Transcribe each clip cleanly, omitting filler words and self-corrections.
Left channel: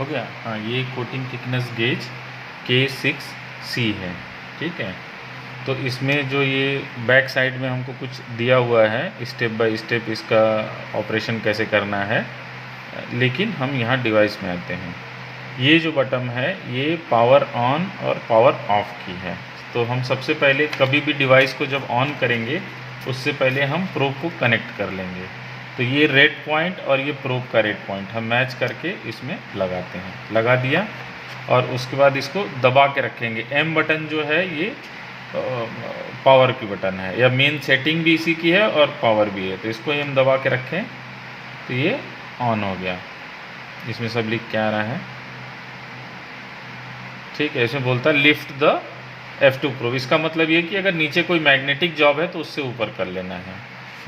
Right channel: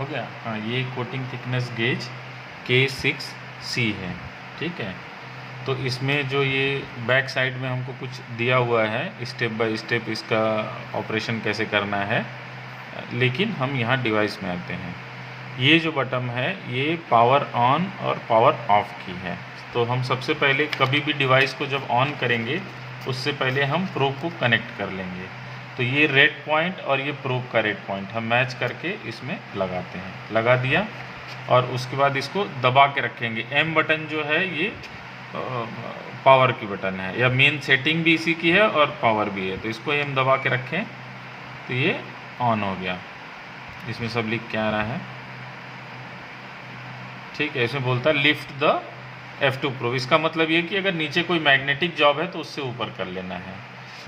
हो गया। हाँ, ये कोटिंग थिकनेस गेज K6C है, ठीक है। तो इसमें जो ये बैक साइड में हमको कुछ दिया हुआ है, स्टेप बाय स्टेप इसका ऑपरेशन कैसे करना है, लेकिन हम यहाँ डिवाइस में आते हैं। ये जो बटन है ये पावर ऑन और पावर ऑफ की है। तो हम सबसे पहले कभी भी डिवाइस को जब ऑन करेंगे उससे पहले हम प्रोब को कनेक्ट कर लेंगे। तो ये रेड पॉइंट और ये प्रोब का रेड पॉइंट हम मैच करके इसमें लगाते हैं। लगा दिया और उसके बाद इसको दबा के रखेंगे। एम बटन जो है ये पावर की बटन है, या मेन सेटिंग भी इसी की है और पावर भी है। तो इसको हम दबा के रखें तो ये ऑन हो गया। इसमें सब लिख के आ रहा है, ठीक है। इसमें बोलता है लिफ्ट द F2 प्रोब। इसका मतलब ये कि अगर नीचे कोई मैग्नेटिक जॉब है तो उससे ऊपर कर लेना है।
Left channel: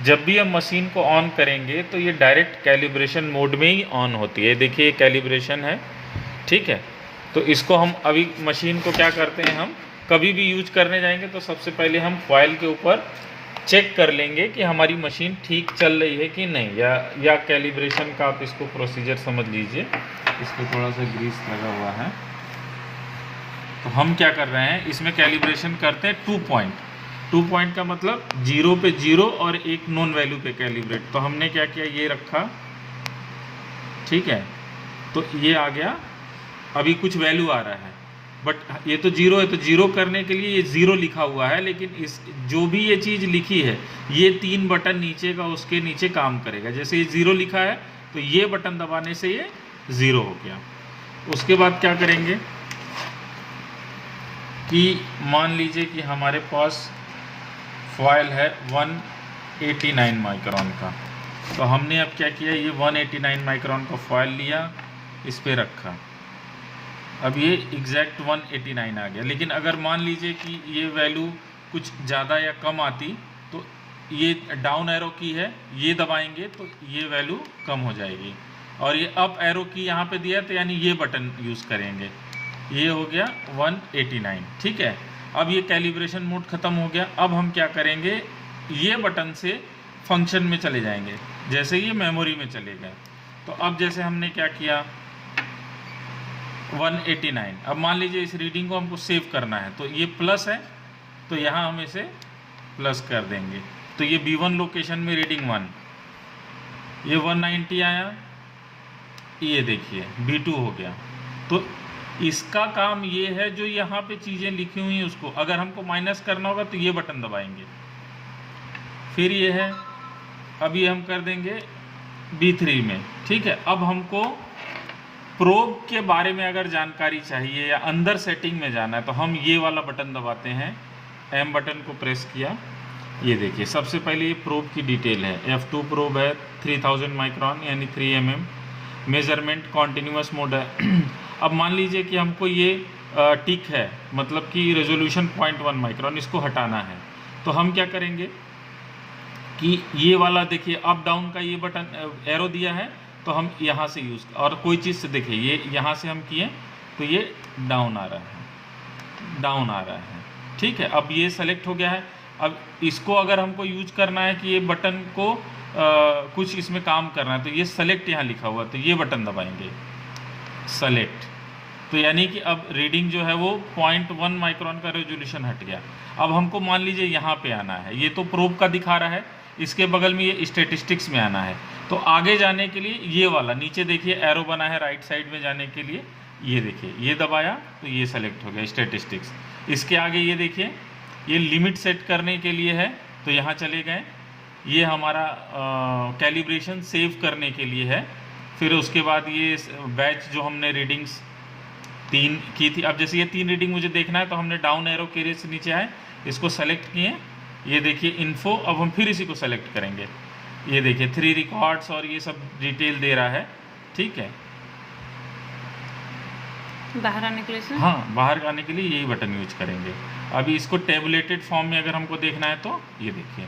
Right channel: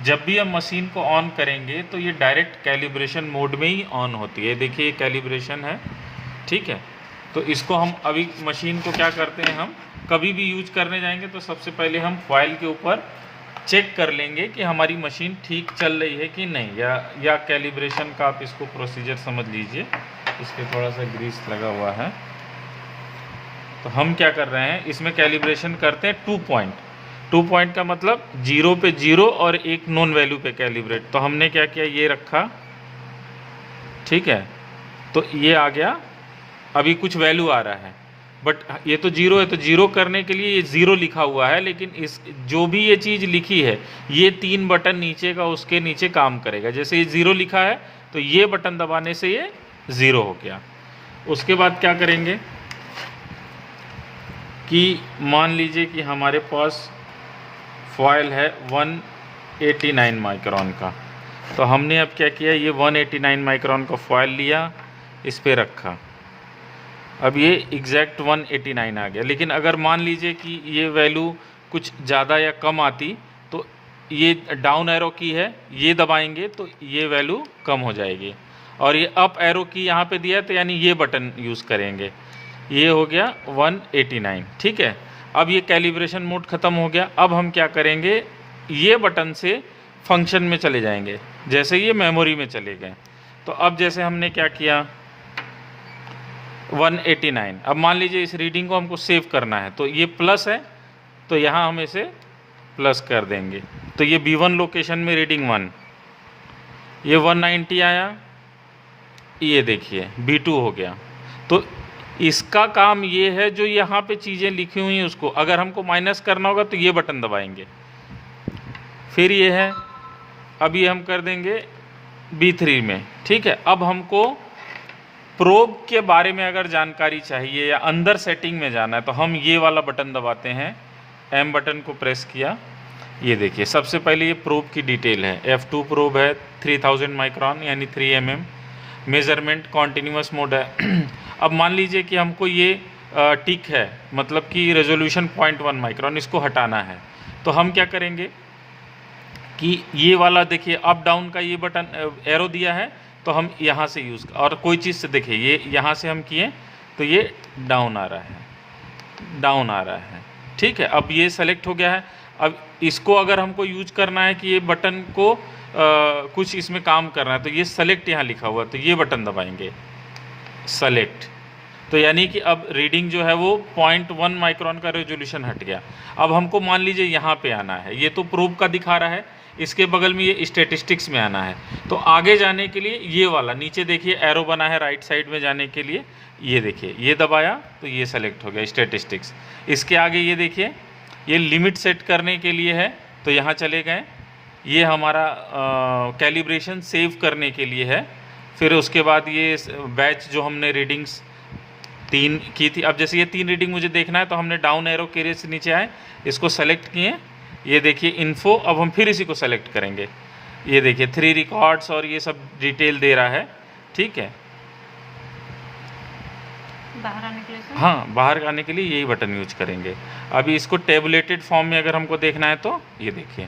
जब भी हम मशीन को ऑन करेंगे तो ये डायरेक्ट कैलिब्रेशन मोड में ही ऑन होती है। देखिए ये कैलिब्रेशन है, ठीक है। तो इसको हम अभी मशीन को क्या करते हैं, हम कभी भी यूज करने जाएंगे तो सबसे पहले हम फॉइल के ऊपर चेक कर लेंगे कि हमारी मशीन ठीक चल रही है कि नहीं, या कैलिब्रेशन का आप इसको प्रोसीजर समझ लीजिए। इस पर थोड़ा सा ग्रीस लगा हुआ है। तो हम क्या कर रहे हैं, इसमें कैलिब्रेशन करते हैं 2 पॉइंट। 2 पॉइंट का मतलब 0 पे 0 और एक नॉन वैल्यू पे कैलिब्रेट। तो हमने क्या किया, ये रखा, ठीक है। तो ये आ गया, अभी कुछ वैल्यू आ रहा है, बट ये तो 0 है, तो 0 करने के लिए ये 0 लिखा हुआ है। लेकिन इस जो भी ये चीज़ लिखी है, ये 3 बटन नीचे का उसके नीचे काम करेगा। जैसे ये 0 लिखा है तो ये बटन दबाने से ये 0 हो गया। उसके बाद क्या करेंगे कि मान लीजिए कि हमारे पास फॉयल है 189 माइक्रोन का। तो हमने अब क्या किया, ये 189 माइक्रोन का फॉयल लिया, इस पे रखा। अब ये एग्जैक्ट 189 आ गया। लेकिन अगर मान लीजिए कि ये वैल्यू कुछ ज़्यादा या कम आती तो ये डाउन एरो की है, ये दबाएंगे तो ये वैल्यू कम हो जाएगी। और ये अप एरो की यहाँ पे दिया है तो यानी ये बटन यूज़ करेंगे। ये हो गया 189, ठीक है। अब ये कैलिब्रेशन मोड ख़त्म हो गया। अब हम क्या करेंगे, ये बटन से फंक्शन में चले जाएंगे। जैसे ये मेमोरी में चले गए तो अब जैसे हमने क्या किया 189। अब मान लीजिए इस रीडिंग को हमको सेव करना है तो ये प्लस है, तो यहाँ हम इसे प्लस कर देंगे। तो ये B1 लोकेशन में रीडिंग 1, ये 190 आया, ये देखिए B2 हो गया। तो इसका काम ये है, जो यहाँ पे चीज़ें लिखी हुई हैं उसको अगर हमको माइनस करना होगा तो ये बटन दबाएंगे। फिर ये है, अब ये हम कर देंगे B3 में, ठीक है। अब हमको प्रोब के बारे में अगर जानकारी चाहिए या अंदर सेटिंग में जाना है तो हम ये वाला बटन दबाते हैं, M बटन को प्रेस किया। ये देखिए सबसे पहले ये प्रोब की डिटेल है। F2 प्रोब है 3000 माइक्रोन यानी 3 mm। मेज़रमेंट कॉन्टीन्यूअस मोड है। अब मान लीजिए कि हमको ये टिक है, मतलब कि रेजोल्यूशन 0.1 माइक्रोन, इसको हटाना है। तो हम क्या करेंगे कि ये वाला देखिए अप डाउन का ये बटन एरो दिया है, तो हम यहाँ से यूज़, और कोई चीज़ से देखिए ये यहाँ से हम किए तो ये डाउन आ रहा है, डाउन आ रहा है, ठीक है। अब ये सेलेक्ट हो गया है। अब इसको अगर हमको यूज करना है कि ये बटन को कुछ इसमें काम करना है तो ये सेलेक्ट यहाँ लिखा हुआ है, तो ये बटन दबाएंगे सेलेक्ट। तो यानी कि अब रीडिंग जो है वो 0.1 माइक्रोन का रेजोल्यूशन हट गया। अब हमको मान लीजिए यहाँ पे आना है, ये तो प्रोब का दिखा रहा है, इसके बगल में ये स्टैटिस्टिक्स में आना है। तो आगे जाने के लिए ये वाला नीचे देखिए एरो बना है राइट साइड में जाने के लिए, ये देखिए ये दबाया तो ये सेलेक्ट हो गया स्टैटिस्टिक्स। इसके आगे ये देखिए ये लिमिट सेट करने के लिए है, तो यहाँ चले गए। ये हमारा कैलिब्रेशन सेव करने के लिए है। फिर उसके बाद ये बैच जो हमने रीडिंग्स 3 की थी, अब जैसे ये 3 रीडिंग मुझे देखना है तो हमने डाउन एरो के से नीचे आए, इसको सेलेक्ट किए। ये देखिए इन्फो, अब हम फिर इसी को सेलेक्ट करेंगे। ये देखिए 3 रिकॉर्ड्स और ये सब डिटेल दे रहा है, ठीक है। बाहर आने के लिए हाँ, बाहर आने के लिए यही बटन यूज करेंगे। अभी इसको टेबुलेटेड फॉर्म में अगर हमको देखना है तो ये देखिए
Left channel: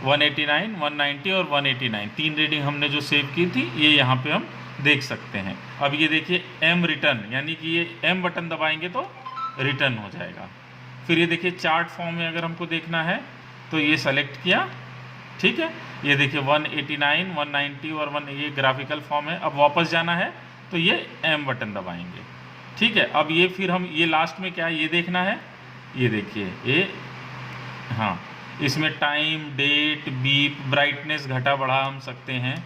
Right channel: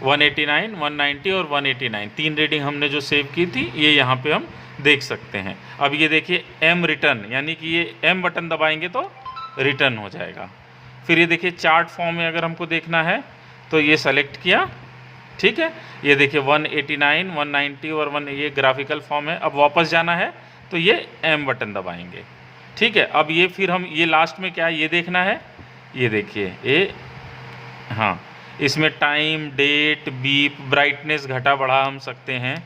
189, 190 और 189 3 रीडिंग हमने जो सेव की थी ये यहाँ पे हम देख सकते हैं। अब ये देखिए M रिटर्न, यानी कि ये M बटन दबाएंगे तो रिटर्न हो जाएगा। फिर ये देखिए चार्ट फॉर्म में अगर हमको देखना है तो ये सेलेक्ट किया, ठीक है। ये देखिए 189, 190 और 1, ये ग्राफिकल फॉर्म है। अब वापस जाना है तो ये M बटन दबाएंगे। ठीक है, अब ये फिर हम ये लास्ट में क्या है ये देखना है, ये देखिए ये, हाँ इसमें टाइम, डेट, बीप, ब्राइटनेस घटा बढ़ा हम सकते हैं।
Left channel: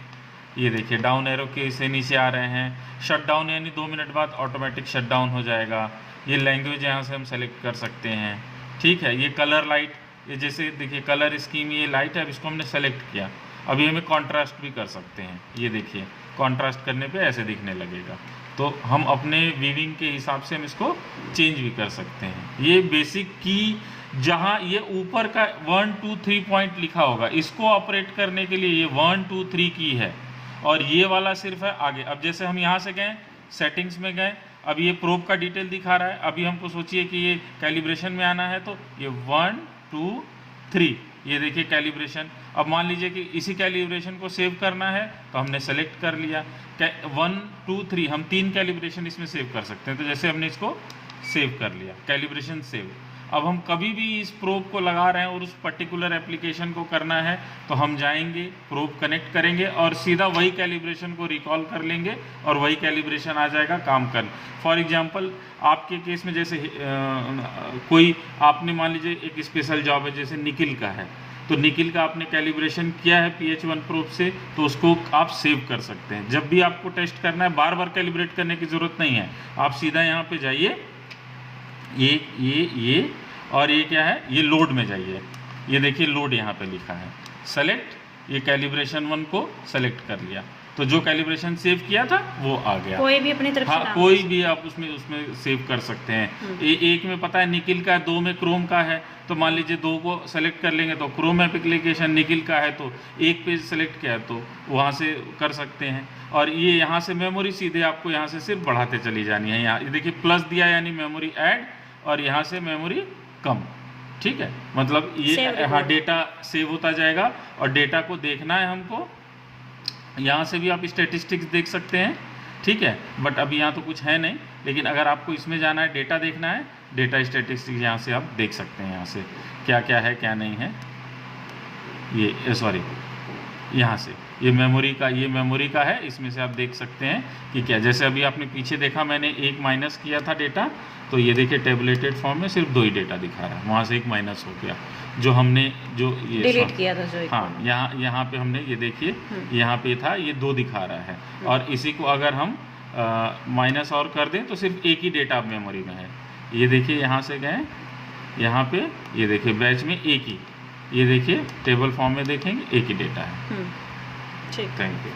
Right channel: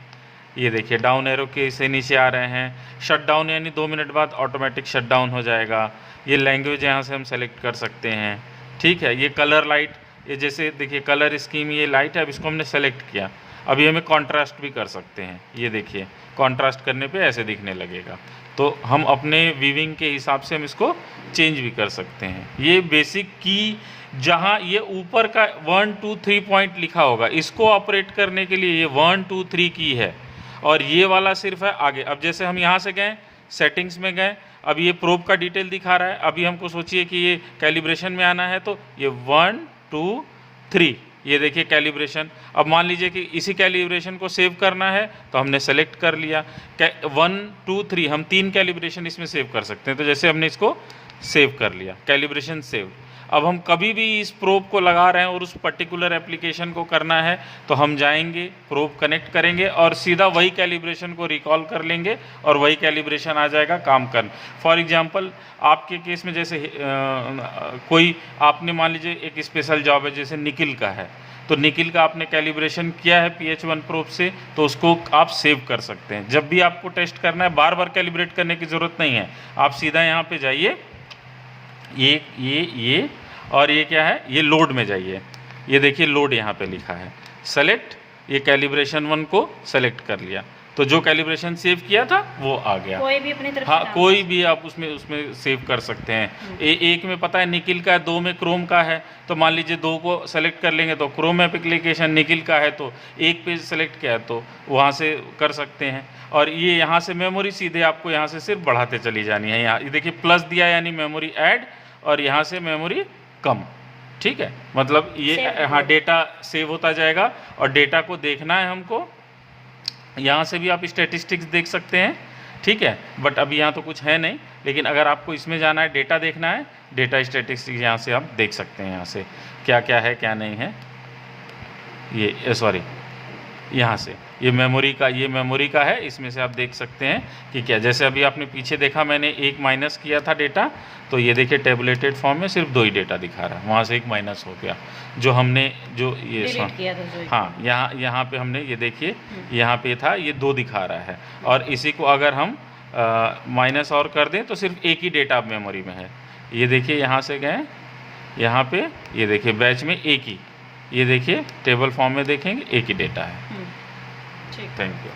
ये देखिए डाउन एरो के से नीचे आ रहे हैं। शट डाउन यानी 2 मिनट बाद ऑटोमेटिक शट डाउन हो जाएगा। ये लैंग्वेज यहाँ से हम सेलेक्ट कर सकते हैं। ठीक है, ये कलर लाइट, ये जैसे देखिए कलर स्कीम, ये लाइट है, अब इसको हमने सेलेक्ट किया। अभी हमें कॉन्ट्रास्ट भी कर सकते हैं। ये देखिए कॉन्ट्रास्ट करने पे ऐसे दिखने लगेगा। तो हम अपने वीविंग के हिसाब से हम इसको चेंज भी कर सकते हैं। ये बेसिक की, जहाँ ये ऊपर का 1 2 3 पॉइंट लिखा होगा, इसको ऑपरेट करने के लिए ये 1 2 3 की है, और ये वाला सिर्फ है आगे। अब जैसे हम यहाँ से गए सेटिंग्स में गए, अब ये प्रोब का डिटेल दिखा रहा है। अभी हमको सोचिए कि ये कैलिब्रेशन में आना है, तो ये 1 2 3, ये देखिए कैलिब्रेशन। अब मान लीजिए कि इसी कैलिब्रेशन को सेव करना है, तो हमने सेलेक्ट कर लिया 1 2 3, हम 3 कैलिब्रेशन इसमें सेव कर सकते हैं। तो जैसे हमने इसको सेव कर लिया, कैलिब्रेशन सेव। अब हम कभी भी इस प्रोब को लगा रहे हैं और उस पर्टिकुलर एप्लीकेशन को करना है, तो हम जाएंगे, प्रोब कनेक्ट करेंगे और सीधा वही कैलिब्रेशन को रिकॉल कर लेंगे और वही कैलिब्रेशन आ जाएगा काम करना। फॉर एग्जांपल आपके केस में जैसे कोई आपने मान लीजिए एक स्पेशल जॉब है, जैसे निकिल का है, तो निकिल का आपने कैलिब्रेशन किया है PH1 प्रोब से, तो उसको आप सेव कर सकते हैं। जब भी आपको टेस्ट करना है, बार बार कैलिब्रेट करने की ज़रूरत नहीं है। आप सीधा यहाँ पे जाइए, ये और ये क्या है, ये लोड में जाइए। ये देखिए लोड यहाँ पे लिखा है, सेलेक्ट, ये कैलिब्रेशन 1 को सेलेक्ट कर लिया, तो जो कैलिब्रेशन सेव किया था वो आ गया। कोई भी अपनी तरफ से हाँ, नाम कोई भी आप उसमें सेव कर सकते हैं। एक में पता है निकिल का, 2 में क्रोम का है, तो मान लीजिए 2 को सेलेक्ट कर लेंगे तो क्रोम एप्लीकेशन, निकिल का है तो एक पेज सेलेक्ट किया है तो वहाँ से कर सकते हैं। और ये यहाँ से मेमोरी सीधे आपको यहाँ से सिर्फ बढ़ाते चली जानी है। यहाँ ये देखिए प्लस दिया यानी मेमोरी ऐड, और यहाँ से मेमोरी कम। ठीक है, मतलब ये हाँ डेटा सेव होता जाएगा। और डेटा को देखना है हमको, यहाँ से भी आप स्टैटिस्टिक्स देख सकते हैं। ठीक है, बट अभी यहाँ तो कुछ है नहीं, लेकिन अगर आपको इसमें जाना है, डेटा देखना है, डेटा स्टैटिस्टिक्स यहाँ से आप देख सकते हैं। यहाँ से क्या क्या है क्या नहीं है, ये सॉरी यहाँ से ये मेमोरी का है, इसमें से आप देख सकते हैं कि क्या। जैसे अभी आपने पीछे देखा, मैंने 1 माइनस किया था डेटा, तो ये देखिए टेबुलेटेड फॉर्म में सिर्फ 2 ही डेटा दिखा रहा है, वहाँ से 1 माइनस हो गया। जो हमने जो ये डिलीट किया था, जो हाँ यहाँ पे हमने ये देखिए यहाँ पे था, ये 2 दिखा रहा है। और इसी को अगर हम माइनस और कर दें तो सिर्फ 1 ही डेटा अब मेमोरी में है। ये देखिए यहाँ से गए, यहाँ पे ये देखिए बैच में 1 ही, ये देखिए टेबल फॉर्म में देखेंगे 1 ही डेटा है। ठीक, थैंक यू।